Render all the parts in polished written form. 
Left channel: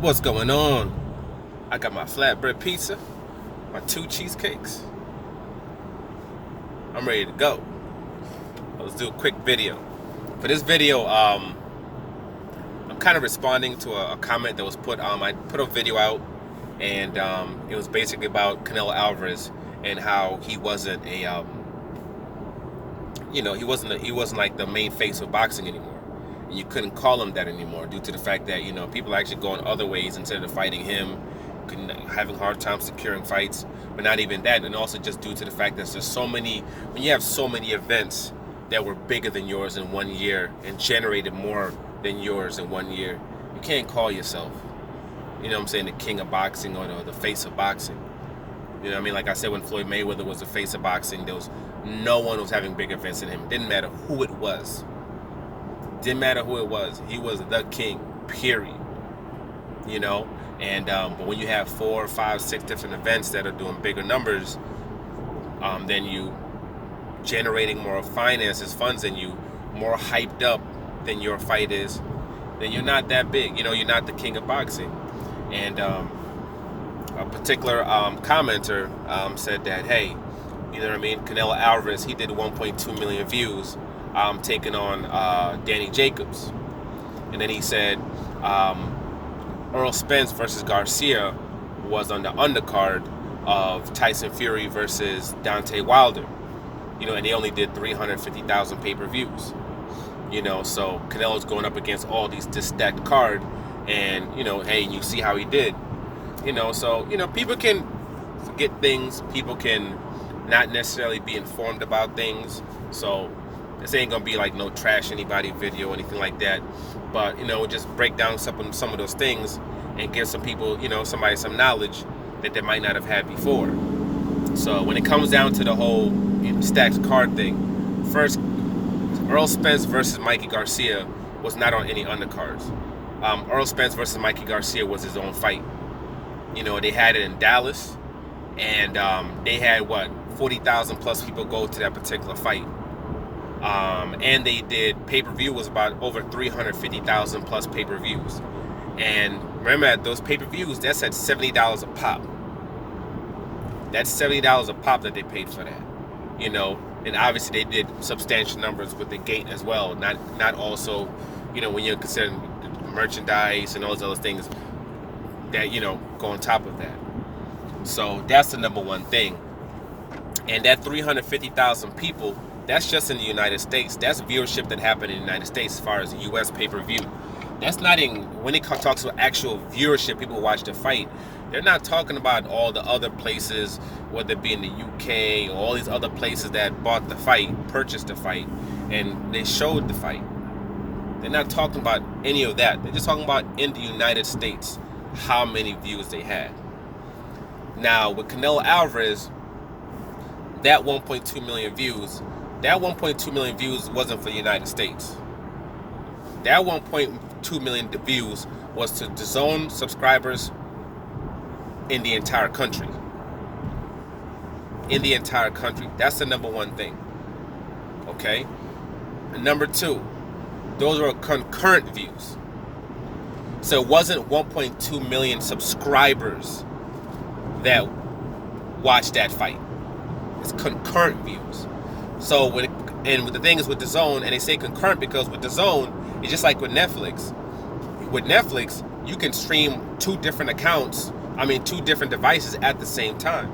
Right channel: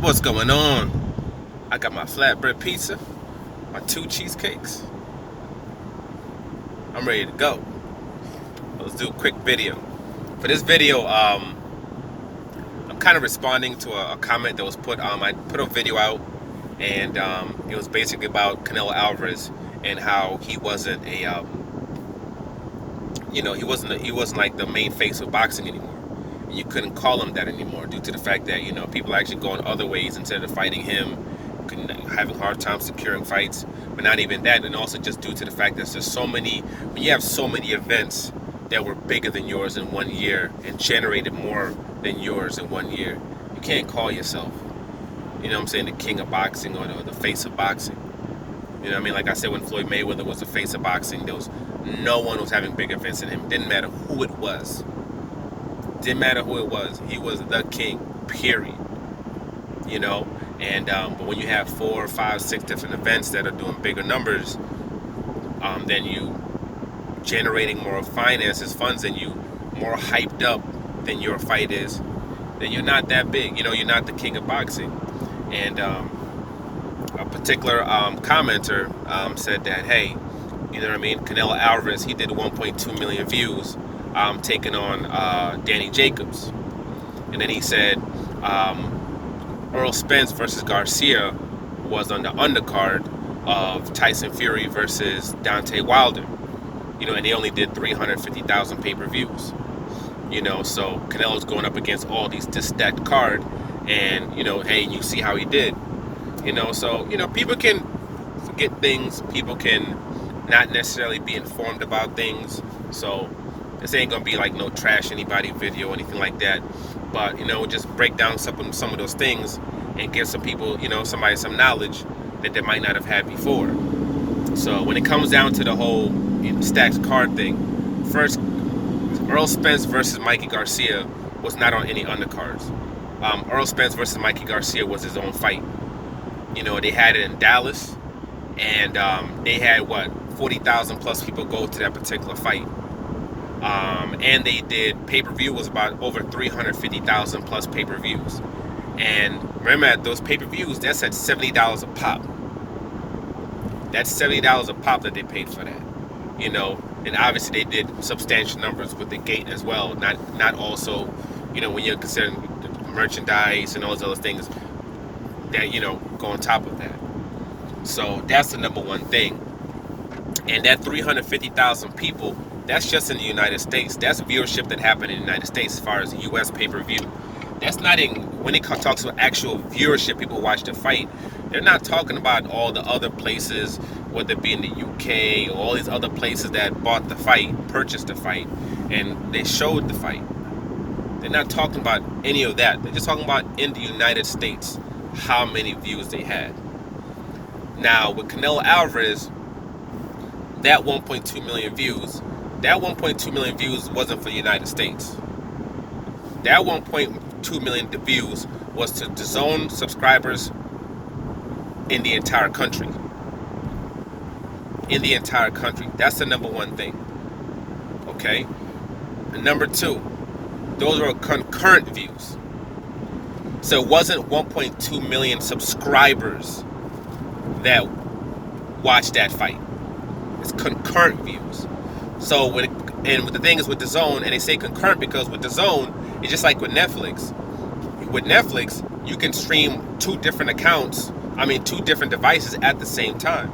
What's going on? I got my flatbread pizza, my 2 cheesecakes. I'm ready to go. Let's do a quick video. For this video, I'm kind of responding to a comment that was put. I put a video out, and it was basically about Canelo Alvarez and how he wasn't he wasn't like the main face of boxing anymore. And you couldn't call him that anymore due to the fact that people are actually going other ways instead of fighting him, having hard time securing fights. But not even that, and also just due to the fact that there's so many. When you have so many events that were bigger than yours in 1 year and generated more than yours in 1 year, you can't call yourself, the king of boxing or the face of boxing. Like I said, when Floyd Mayweather was the face of boxing, no one was having big events than him. Didn't matter who it was. Didn't matter who it was. He was the king, period. But when you have 4, 5, 6 different events that are doing bigger numbers, then you generating more finances, funds than you, more hyped up than your fight is, then you're not that big. You're not the king of boxing. And a particular commenter said that, hey, Canelo Alvarez, he did 1.2 million views taking on Danny Jacobs. And then he said Earl Spence versus Garcia was on the undercard of Tyson Fury versus Deontay Wilder. And they only did 350,000 pay-per-views. So Canelo's going up against all this stacked card, and hey, you see how he did. So people can forget things. People can not necessarily be informed about things. So this ain't gonna be like no trash anybody video or anything like that. But just break down some of those things and give some people, somebody some knowledge that they might not have had before. So when it comes down to the whole stacked card thing, first, Earl Spence versus Mikey Garcia was not on any undercards. Earl Spence versus Mikey Garcia was his own fight. They had it in Dallas, and they had 40,000 plus people go to that particular fight. And they did pay-per-view was about over 350,000 plus pay-per-views. And remember, at those pay-per-views, that's at $70 a pop. That's $70 a pop that they paid for that. And obviously they did substantial numbers with the gate as well. Not also, when you're considering merchandise and all those other things that, go on top of that. So that's the number one thing. And that 350,000 people, that's just in the United States. That's viewership that happened in the United States as far as the U.S. pay-per-view. That's not when it talks about actual viewership, people watch the fight. They're not talking about all the other places, whether it be in the UK or all these other places that bought the fight, purchased the fight, and they showed the fight. They're not talking about any of that. They're just talking about in the United States, how many views they had. Now, with Canelo Alvarez, that 1.2 million views, that 1.2 million views wasn't for the United States. That 1.2 million views was to DAZN subscribers in the entire country. In the entire country. That's the number one thing. Okay? And number two, those were concurrent views. So it wasn't 1.2 million subscribers that watched that fight. It's concurrent views. So the thing is with DAZN, and they say concurrent because with DAZN, it's just like with Netflix. With Netflix, you can stream two different devices at the same time.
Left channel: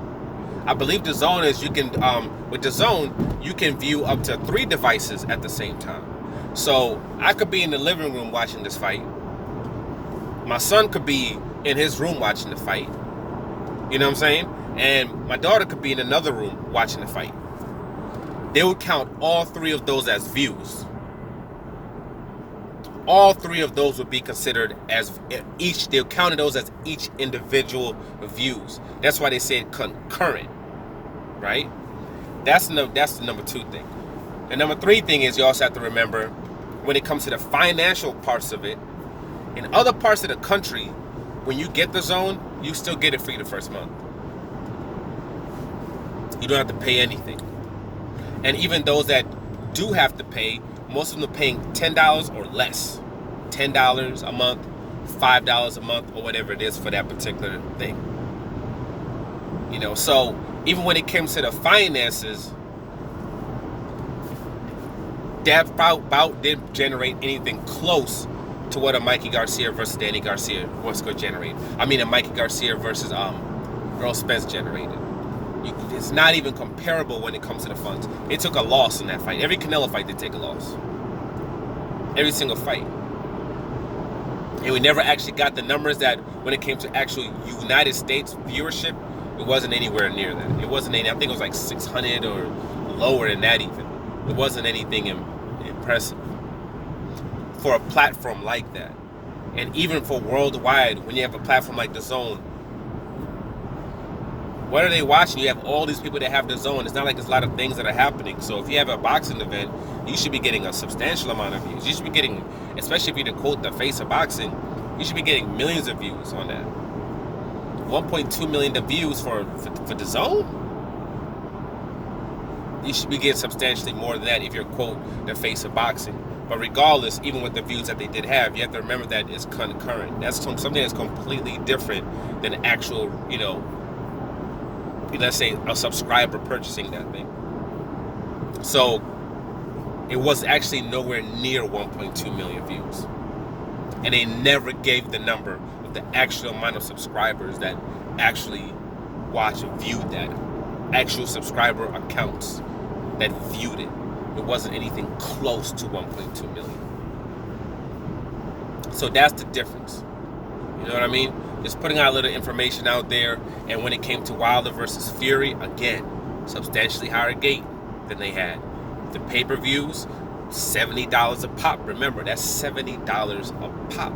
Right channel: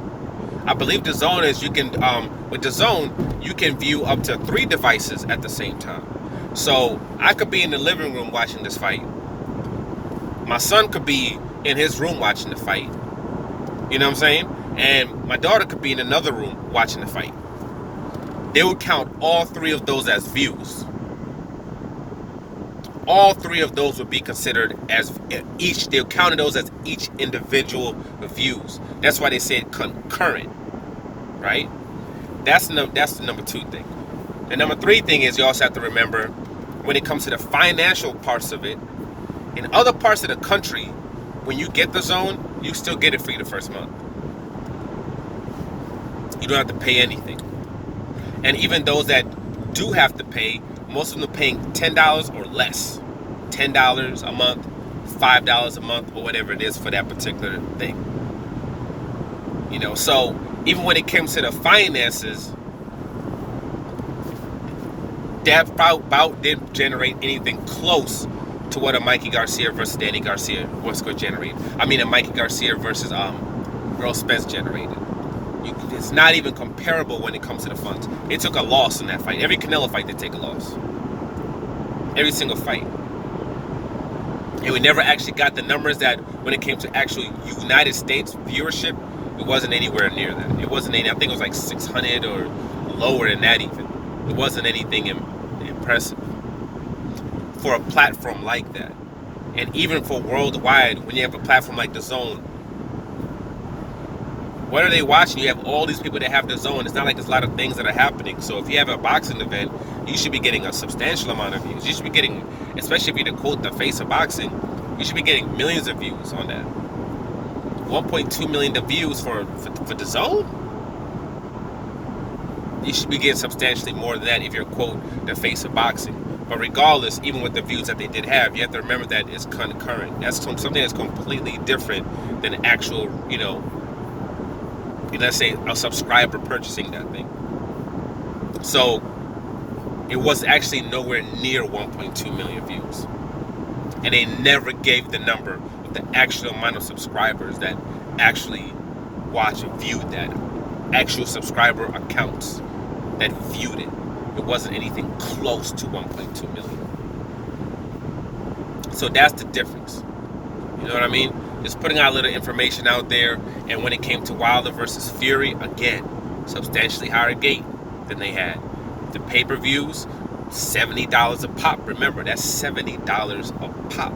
I believe DAZN is with DAZN, you can view up to 3 devices at the same time. So I could be in the living room watching this fight. My son could be in his room watching the fight. You know what I'm saying? And my daughter could be in another room watching the fight. They would count all 3 of those as views. All 3 of those would be considered as each. They counted those as each individual views. That's why they said concurrent, right? That's the number 2 thing. The number 3 thing is you also have to remember when it comes to the financial parts of it. In other parts of the country, when you get DAZN, you still get it free the first month. You don't have to pay anything. And even those that do have to pay, most of them are paying $10 or less. $10 a month, $5 a month or whatever it is for that particular thing. You know, so even when it comes to the finances, that bout didn't generate anything close to what a Mikey Garcia versus Danny Garcia was going to generate. I mean, a Mikey Garcia versus Earl Spence generated. It's not even comparable when it comes to the funds. It took a loss in that fight. Every Canelo fight, they take a loss. Every single fight. And we never actually got the numbers that when it came to actual United States viewership, it wasn't anywhere near that. It wasn't any, I think it was like 600 or lower than that even. It wasn't anything impressive for a platform like that. And even for worldwide, when you have a platform like DAZN, what are they watching? You have all these people that have DAZN. It's not like there's a lot of things that are happening. So if you have a boxing event, you should be getting a substantial amount of views. You should be getting, especially if you're to quote the face of boxing, you should be getting millions of views on that. 1.2 million views for DAZN? You should be getting substantially more than that if you're quote the face of boxing. But regardless, even with the views that they did have, you have to remember that it's concurrent. That's something that's completely different than actual, you know, let's say a subscriber purchasing that thing. So it was actually nowhere near 1.2 million views. And they never gave the number of the actual amount of subscribers that actually viewed that. Actual subscriber accounts that viewed it. It wasn't anything close to 1.2 million. So that's the difference. You know what I mean? Just putting out a little information out there. And when it came to Wilder versus Fury, again, substantially higher gate than they had. The pay-per-views, $70 a pop. Remember, that's $70 a pop.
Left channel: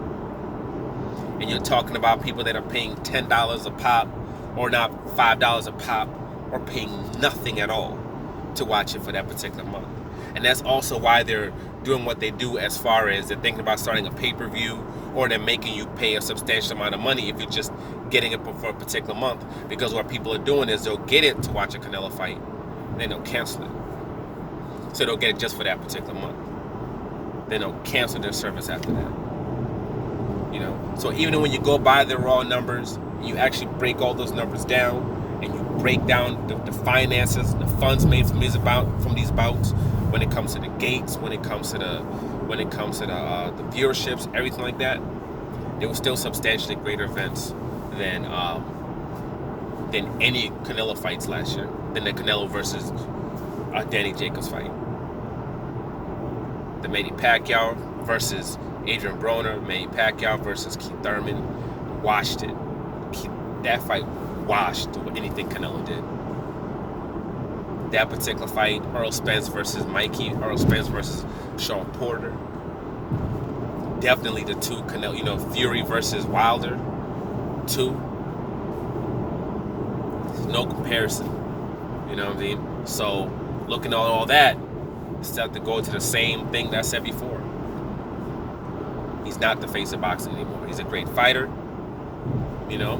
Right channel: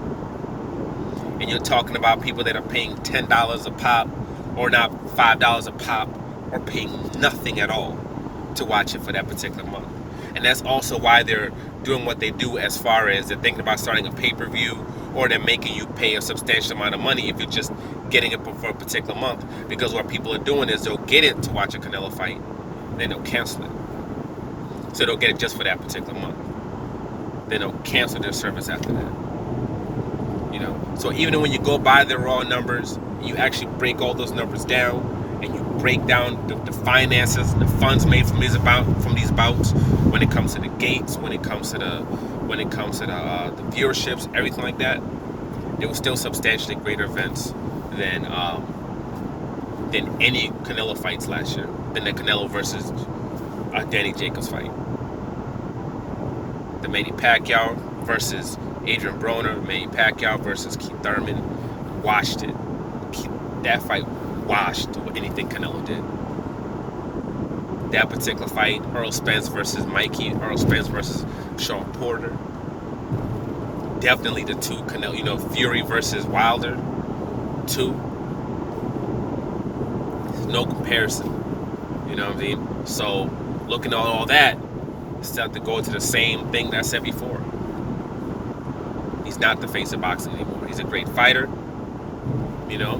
And you're talking about people that are paying $10 a pop, or not $5 a pop, or paying nothing at all to watch it for that particular month. And that's also why they're doing what they do as far as they're thinking about starting a pay-per-view, or they're making you pay a substantial amount of money if you're just getting it for a particular month. Because what people are doing is they'll get it to watch a Canelo fight, and then they'll cancel it. So they'll get it just for that particular month. Then they'll cancel their service after that. You know, so even when you go by the raw numbers, you actually break all those numbers down, and you break down the finances, the funds made from these bouts, when it comes to the gates, when it comes to the viewerships, everything like that. There were still substantially greater events than any Canelo fights last year, than the Canelo versus Danny Jacobs fight. The Manny Pacquiao versus Adrian Broner, Manny Pacquiao versus Keith Thurman, washed it. That fight washed anything Canelo did. That particular fight, Earl Spence versus Mikey, Earl Spence versus Sean Porter, definitely the two Canelo, you know, Fury versus Wilder, two. There's no comparison. You know what I mean? So looking at all that, it's have to go to the same thing that I said before. He's not the face of boxing anymore. He's a great fighter, you know,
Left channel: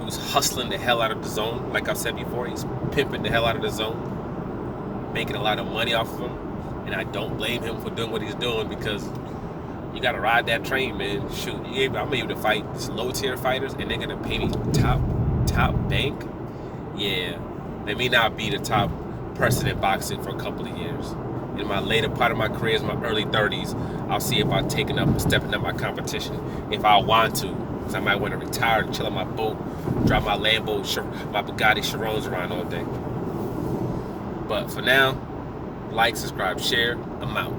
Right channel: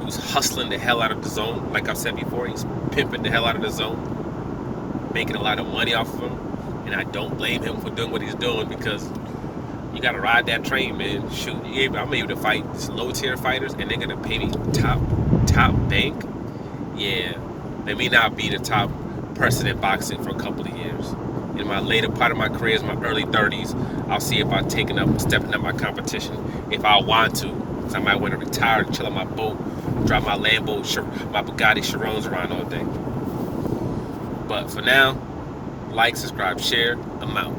who's hustling the hell out of DAZN. Like I said before, he's pimping the hell out of DAZN, making a lot of money off of him. And I don't blame him for doing what he's doing, because you got to ride that train, man. Shoot, I'm able to fight low-tier fighters, and they're going to pay me top bank. Yeah, let me not be the top person in boxing for a couple of years. In my later part of my career, in my early 30s, I'll see if I'm stepping up my competition. If I want to, because I might want to retire and chill on my boat, drive my Lambo, my Bugatti Chirons around all day. But for now, like, subscribe, share. I'm out.